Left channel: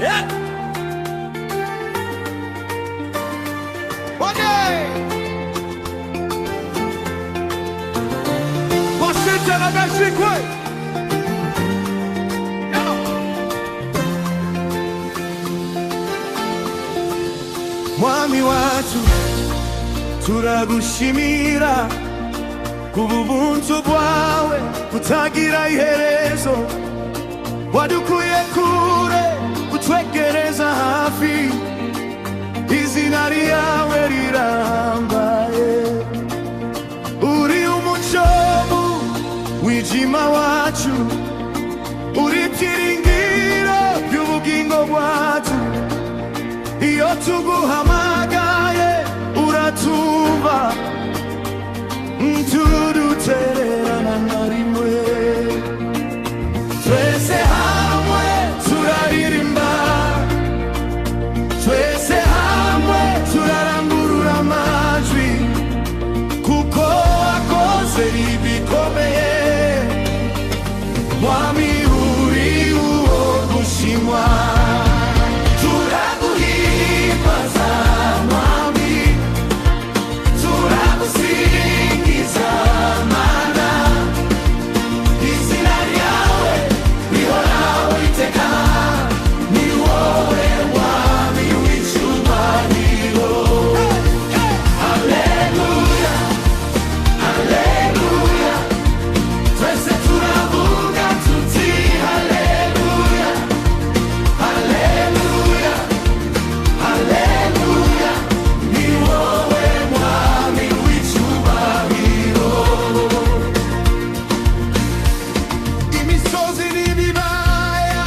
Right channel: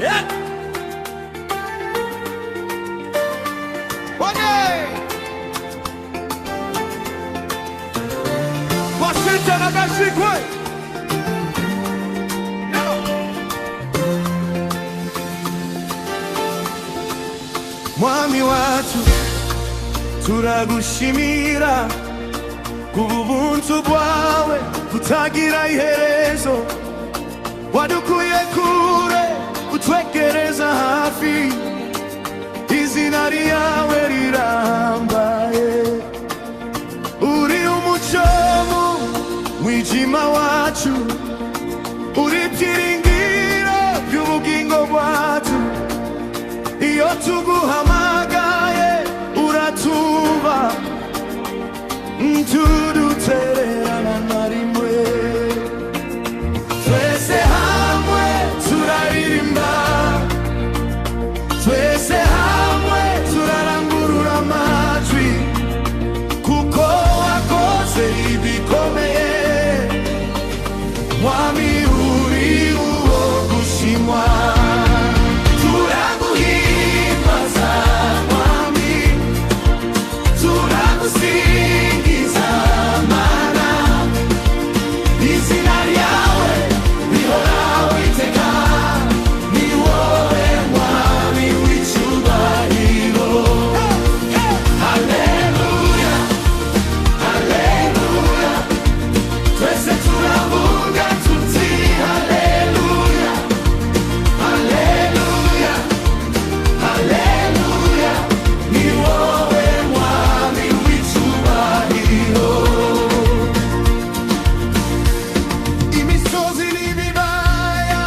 Yeah. Washington agashikwe. Mwami wacu turagushimira kububuntu bwawe butagira iherezo, wadukuye kure utwegereza hafi, izina ryawe rirambaye. Uri umucyo mu mwijima wacu, uri ibyiringiro by'ubugingo bwacu. Iyo tuguhamagaye uratumva, ntudutererana na rimwe. Twese hamwe turaririmba, twese hamwe turarangurura amajwi, kuko wakoze ibikomeye. Mwami uri uwo gushimwa, turaguhimbaza Mwami, turagusingiza Mana, izina ryawe rihoraho iteka. Ni wowe Mwami w'icyubahiro. Haleluya, haleluya, twese turavuga tuti haleluya, haleluya, haleluya, ni wowe Mwami w'icyubahiro. Imisozi n'ibibaya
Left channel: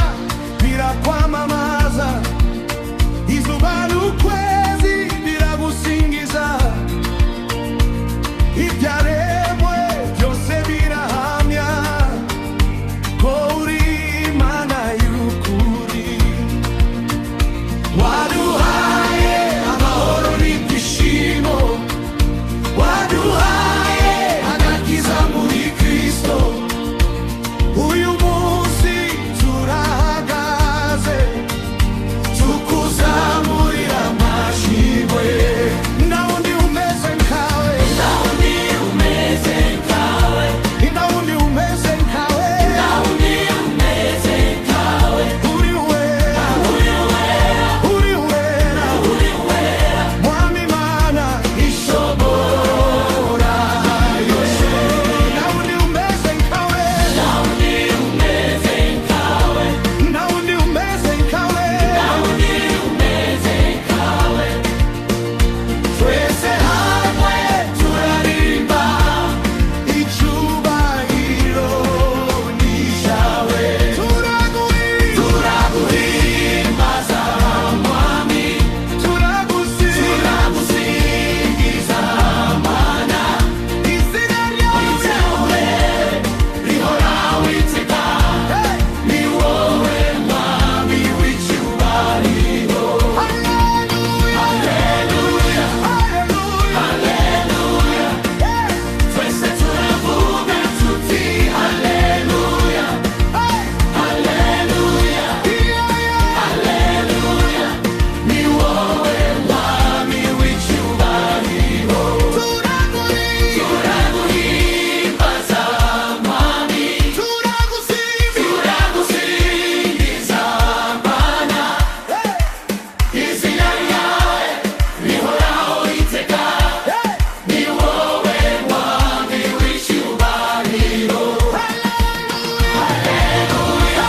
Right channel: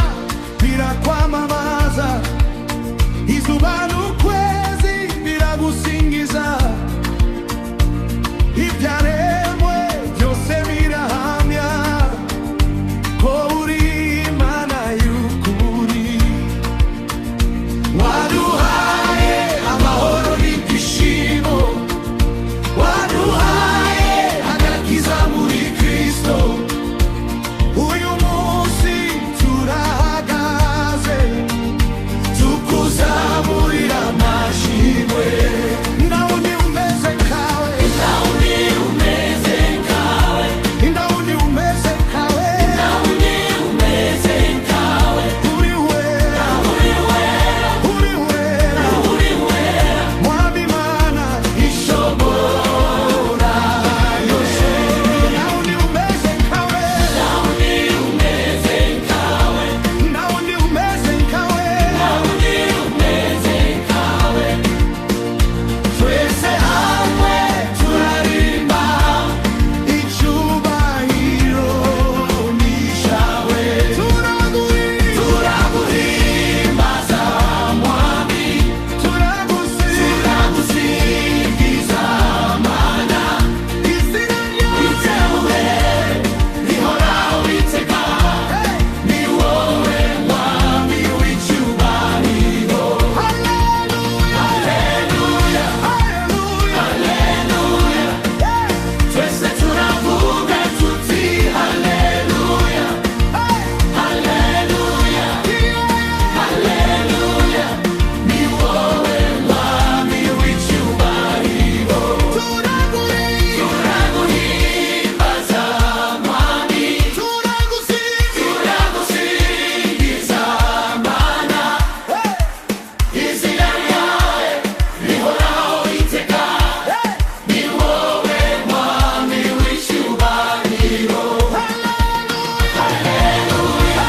birakwamamaza, izuba n'ukwezi biragusingiza, ibyaremwe byose birahamya ko uri Imana y'ukuri. Waduhaye amahoro n'ibyishimo, waduhaye agakiza muri Kristo. Uyu munsi turahagaze tukuzamurira amashimwe. Ndawundi umeze nkawe, ndawundi umeze nkawe, ndawundi umeze nkawe, ndawundi umeze nkawe. Uri wera, uri wera, uri wera, uri wera, Mwami Mana ishobora yose. Ndawundi umeze nkawe, ndawundi umeze nkawe, ndawundi umeze nkawe, ndawundi umeze nkawe. Twese hamwe turaririmba, icyubahiro ni cyawe. Turaguhimbaza Mwami, turagusingiza Mana, izina ryawe rihoraho iteka. Ni wowe Mwami w'icyubahiro. Haleluya, haleluya, haleluya, haleluya, twese turavuga tuti haleluya, haleluya, haleluya, ni wowe Mwami w'icyubahiro. Turaguhimbaza Mwami, turagusingiza Mana, izina ryawe rihoraho iteka. Ni wowe Mwami w'icyubahiro. Haleluya, haleluya,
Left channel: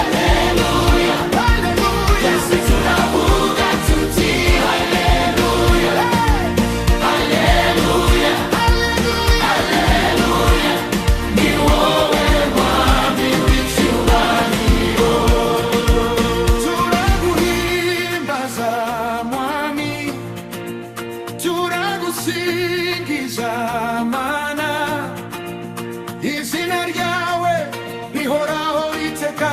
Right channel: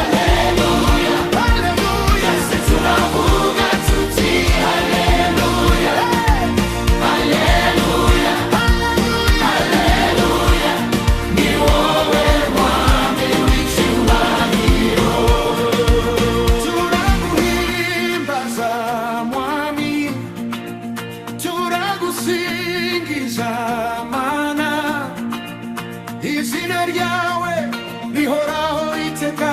haleluya, haleluya, twese turavuga tuti haleluya, haleluya, haleluya, haleluya, ni wowe Mwami w'icyubahiro. Turaguhimbaza Mwami, turagusingiza Mana, izina ryawe rihoraho iteka.